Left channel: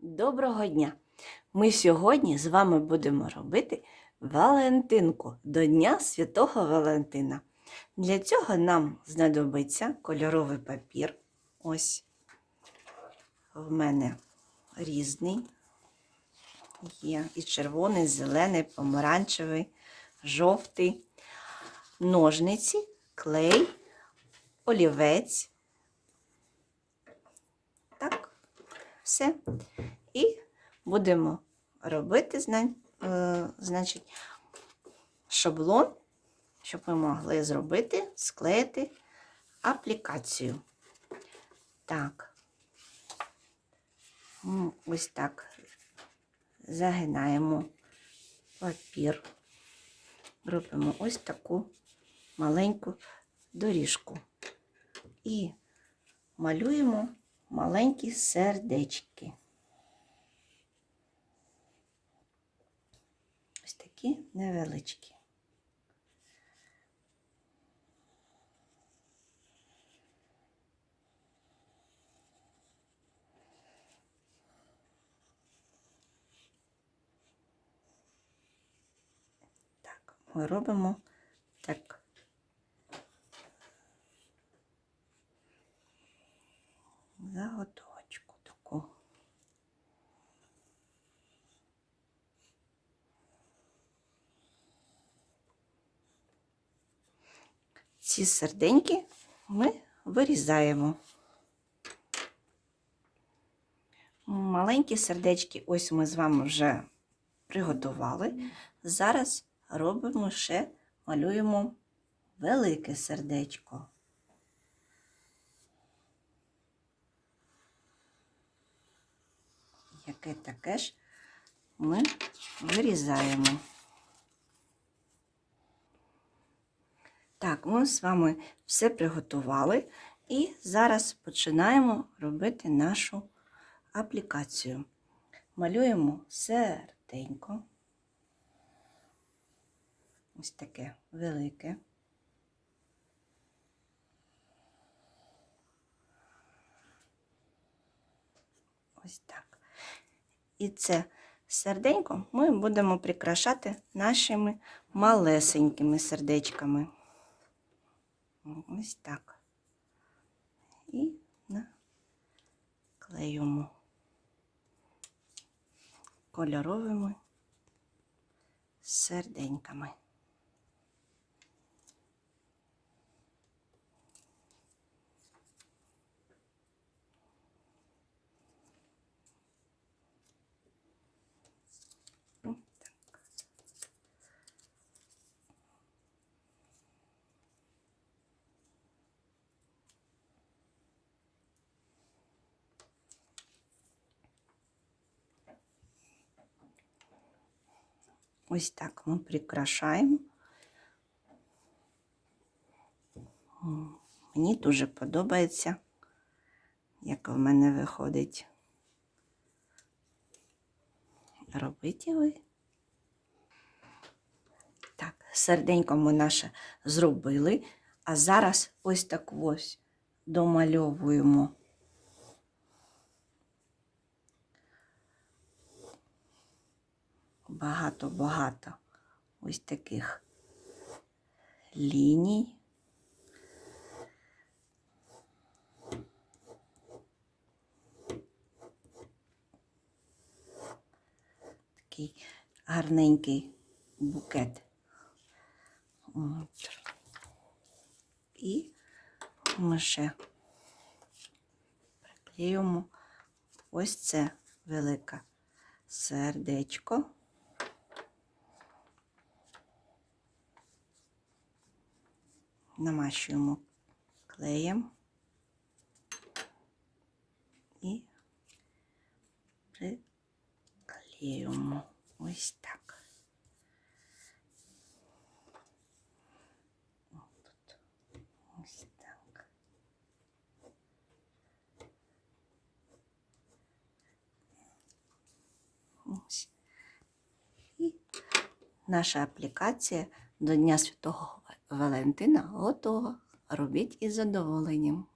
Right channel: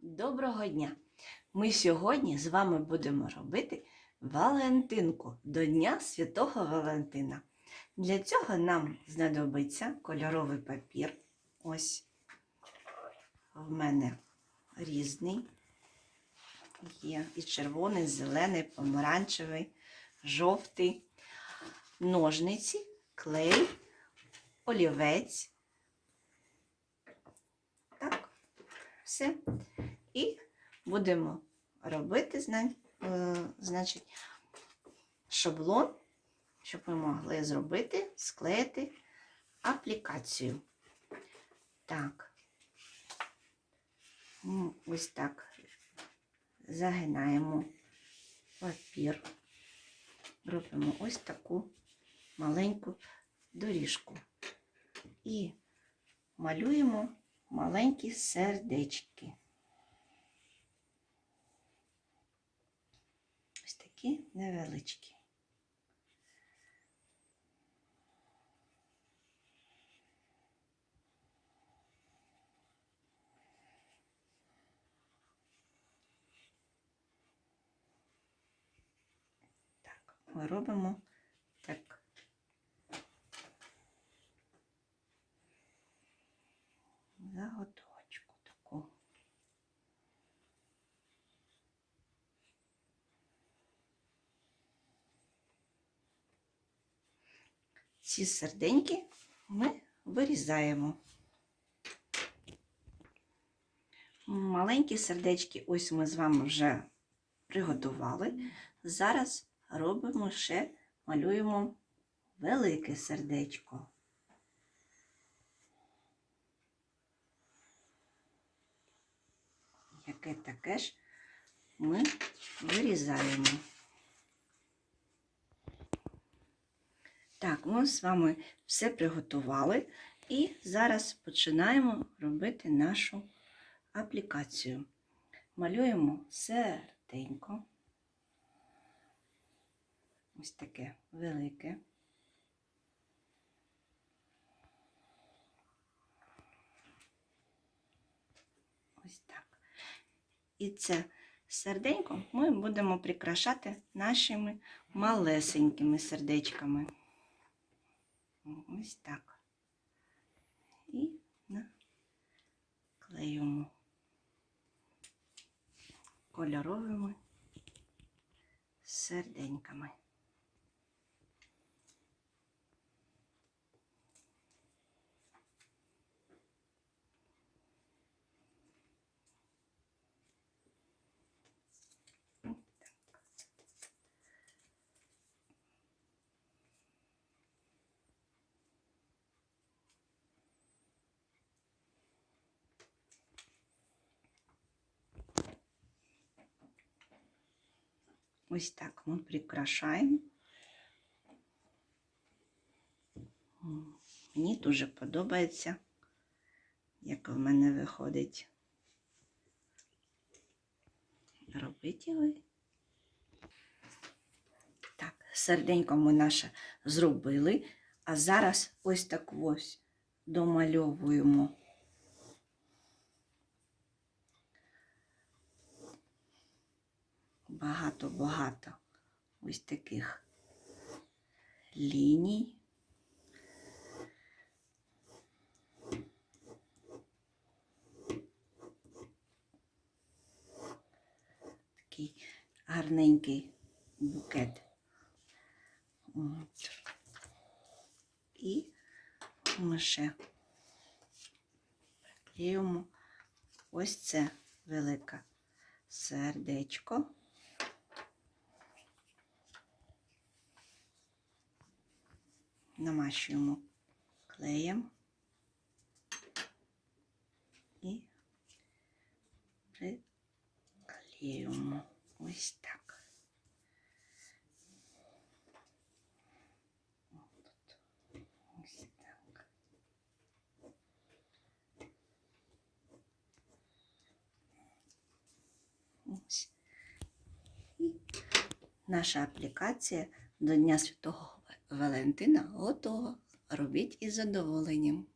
Доброго дня! Ми сьогодні з вами будемо робити Валентинку до Дня Святого Валентина. Для цього нам знадобиться кольоровий папір. Ось в мене різний. Є і червоний, зелений, помаранчевий, жовтий, ножниці, клей, олівець. Так, все. І будемо робити, е, значить, шаблон, щоб ми могли зробити, склеїти аплікацію. Так. Ось так. Загинаємо папір. Робимо ось таку маленьку доріжку. І малюємо маленькі сердечки. Ось такі невеличкі. Ми робимо так. Заготовочку таку. Ці серденьки ми вирізаємо. Маленькі сердечки, ось ми з вами вже приготували. Зараз робимо ще, малюємо велике сердечко. Яке таке ж ми вирізаємо. Так, ми з вами все приготували і зараз починаємо робити нашу аплікацію. Малюємо серденько. Ось таке велике. Ось так. І це серденько ми будемо прикрашати нашими малесенькими сердечками. Ось так. І наклеюємо кольоровими серденьками. Ось так ми прикрашаємо. Мені дуже подобається, як в мене виходить. Робіть і ви. Так, серденько ми наше зробили, а зараз ось так ось домальовуємо. Багато-багато ось таких ліній. Такий гарненький букет. От. І ми ще приклеюємо ось це велике сердечко. Намащуємо клеєм і приклеюємо ось так. Ось так. І наша аплікація до Дня Святого Валентина готова. Робіть із задоволенням.